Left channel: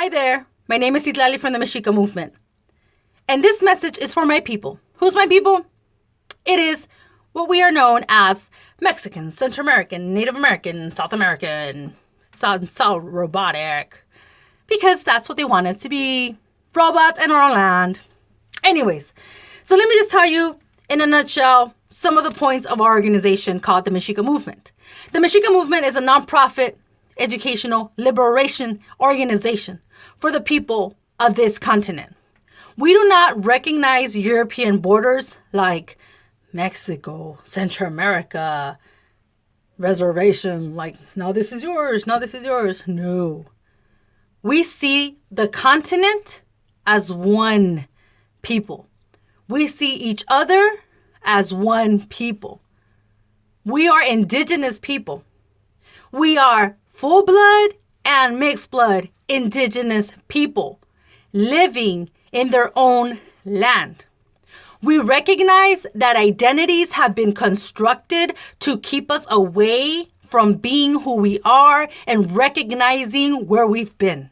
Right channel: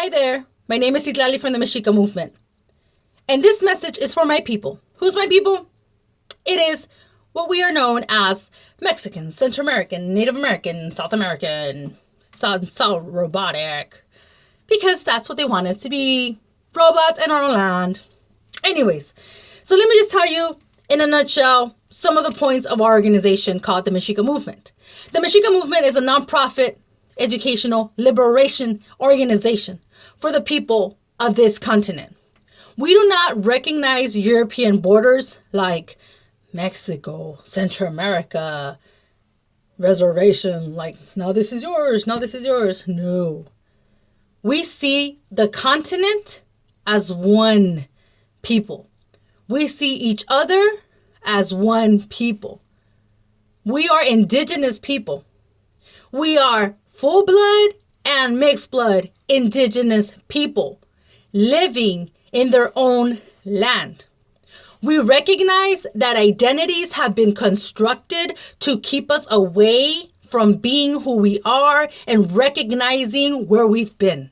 Hi there, my name is Citlalli from the Mexica movement. And this message is for my people. Who's my people? It is what we are known as Mexican, Central American, Native American, South American, South robotic. Because that's what they want us to be. Robots in our land. Anyways, so let me just tell you in a nutshell some of the points of our organization called the Mexica movement. The Mexica movement is a nonprofit educational liberation organization for the people of this continent. We do not recognize European borders like Mexico, Central America, reservation, like, now this is yours, now this is yours. No. We see the continent as one people. We see each other as one people. We are indigenous people. We are full blood and mixed blood indigenous people living in their own land. We recognize that identities have been constructed to keep us away from being who we are and recognizing where we've been.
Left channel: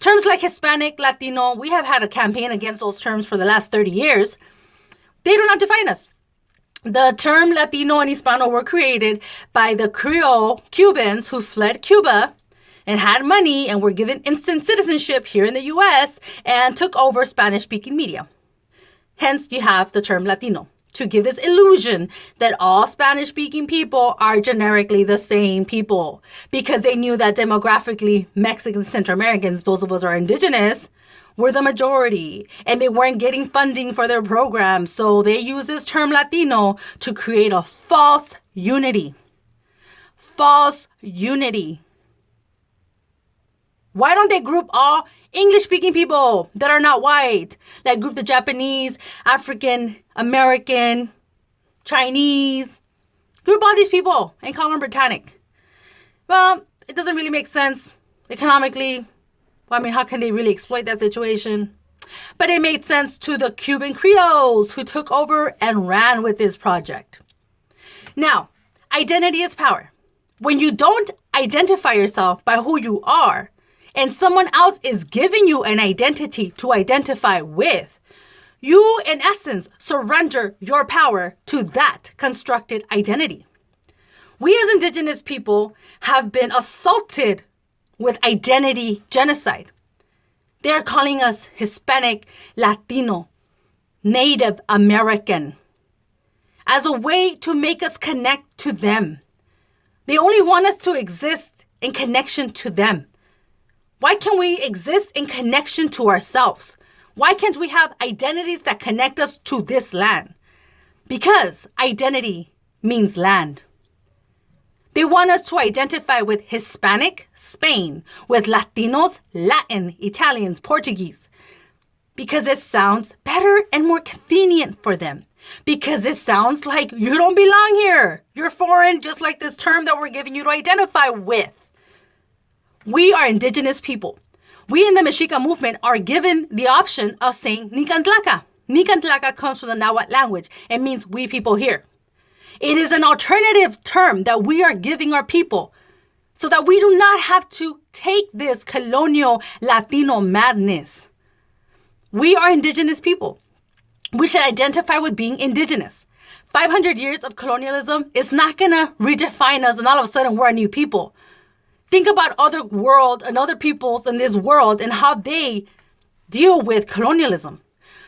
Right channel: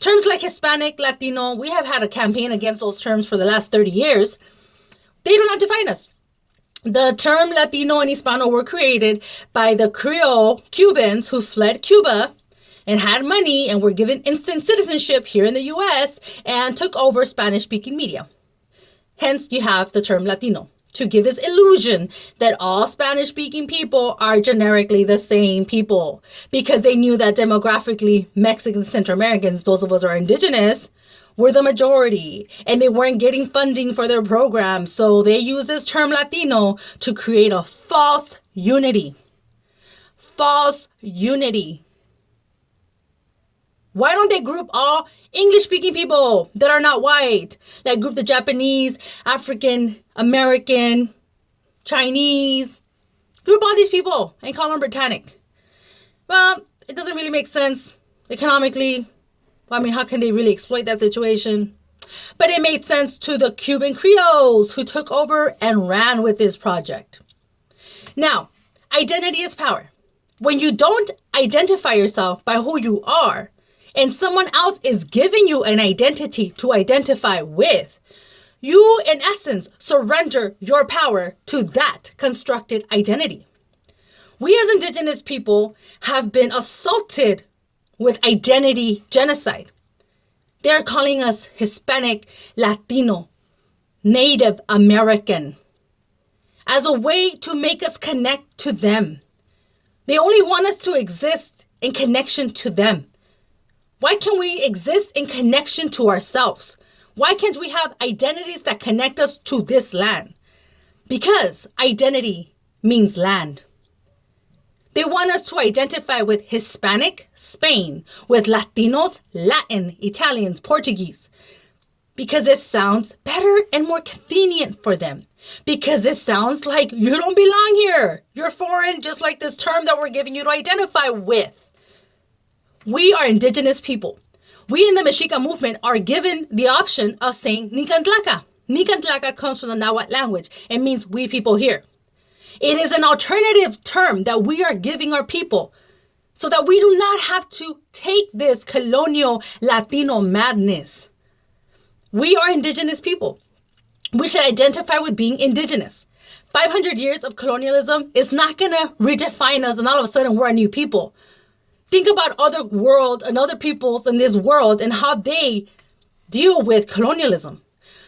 Terms like Hispanic, Latino, we have had a campaign against those terms for the last 30 years. They do not define us. The term Latino and Hispano were created by the Creole Cubans who fled Cuba and had money and were given instant citizenship here in the U.S. and took over Spanish-speaking media. Hence, you have the term Latino to give this illusion that all Spanish-speaking people are generically the same people because they knew that demographically Mexicans, Central Americans, those of us who are indigenous, were the majority and they weren't getting funding for their programs. So they use this term Latino to create a false unity. False unity. Why don't they group all English-speaking people that are not white? Like group the Japanese, African, American, Chinese. Group all these people and call them Britannic. Well, it doesn't really make sense economically. Well, I mean, how can they really exploit that situation? But it made sense to the Cuban Creoles who took over and ran with this project. Now, identity is power. When you don't identify yourself by who you are, and someone else is giving you an identity to identify with, you, in essence, surrender your power to that constructed identity. We as indigenous people have been assaulted with identity genocide. They're calling us Hispanic, Latino, Native American as a way to make us connect to them. They only want us to exist in connection to them. Why can't we exist in connection to ourselves? Why can't we have identities that connect us to this land? Because identity means land. They want us to identify with Hispanic, Spain, with Latinos, Latin, Italians, Portuguese, because it sounds better and more convenient for them. Because it sounds like you don't belong here. You're foreign, just like this term that we're giving you to identify with. We are indigenous people. We in the Mexica movement are given the option of saying Nicantlaca. Nicantlaca comes from the Nahuatl language. It means we people here. It is an alternative term that we are giving our people so that we do not have to take this colonial Latino madness. We are indigenous people. We should identify with being indigenous. 500 years of colonialism is not going to redefine us and all of a sudden we're a new people. Think about other world and other peoples in this world and how they deal with colonialism.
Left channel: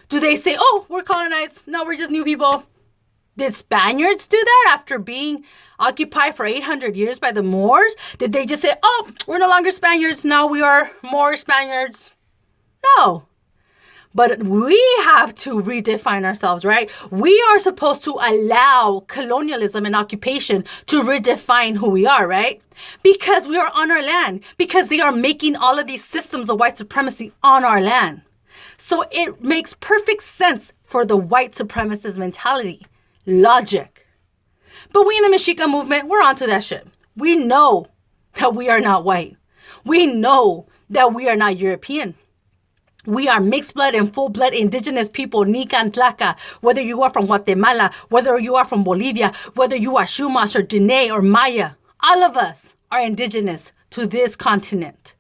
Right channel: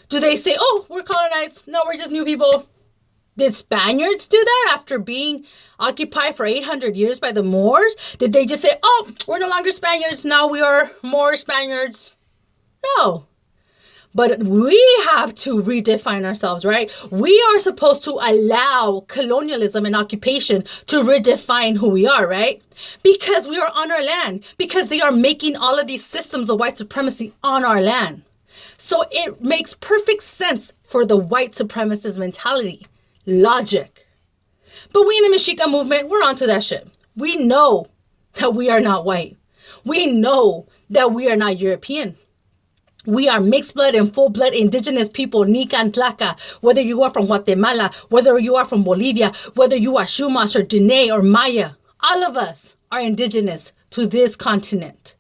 Do they say, oh, we're colonized? No, we're just new people. Did Spaniards do that after being occupied for 800 years by the Moors? Did they just say, oh, we're no longer Spaniards, now we are more Spaniards? No. But we have to redefine ourselves, right? We are supposed to allow colonialism and occupation to redefine who we are, right? Because we are on our land, because they are making all of these systems of white supremacy on our land. So it makes perfect sense for the white supremacist mentality. Logic. But we in the Mexica movement, we're onto that shit. We know that we are not white. We know that we are not European. We are mixed blood and full blood indigenous people, Nicantlaca, whether you are from Guatemala, whether you are from Bolivia, whether you are Chumash or Diné or Maya, all of us are indigenous to this continent.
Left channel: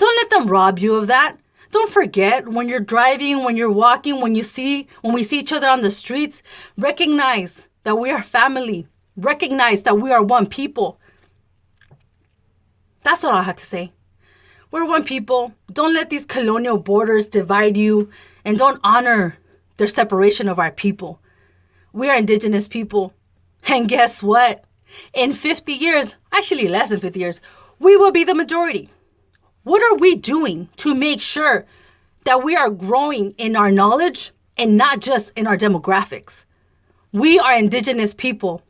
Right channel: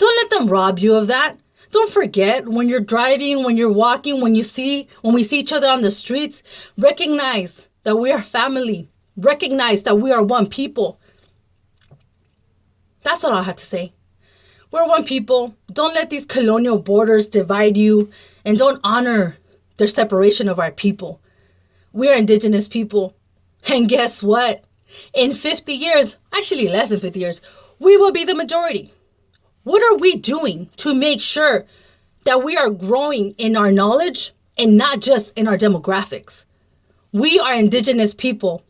Don't let them rob you of that. Don't forget when you're driving, when you're walking, when we see each other on the streets, recognize that we are family. Recognize that we are one people. That's all I have to say. We're one people. Don't let these colonial borders divide you, and don't honor their separation of our people. We are Indigenous people. And guess what? In 50 years, actually less than 50 years, we will be the majority. What are we doing to make sure that we are growing in our knowledge and not just in our demographics? We are Indigenous people,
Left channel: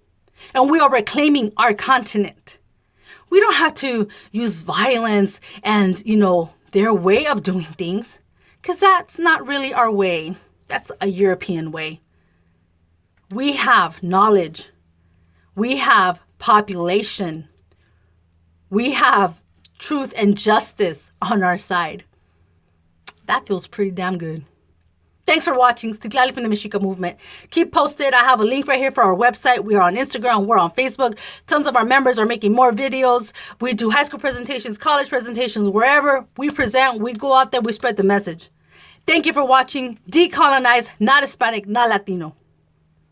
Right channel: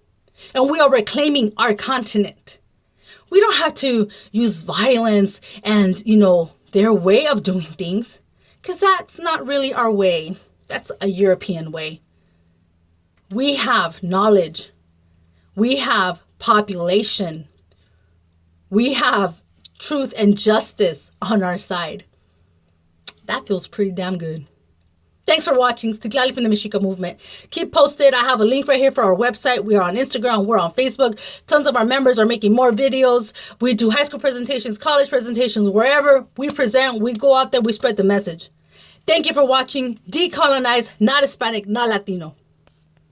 and we are reclaiming our continent. We don't have to use violence and, their way of doing things, because that's not really our way. That's a European way. We have knowledge. We have population. We have truth and justice on our side. That feels pretty damn good. Thanks for watching. Citlalli from the Mexica movement. Keep posted. I have a link right here for our website. We are on Instagram. We're on Facebook. Tons of our members are making more videos. We do high school presentations, college presentations, wherever we present, we go out there, we spread the message. Thank you for watching. Decolonize, not Hispanic, not Latino.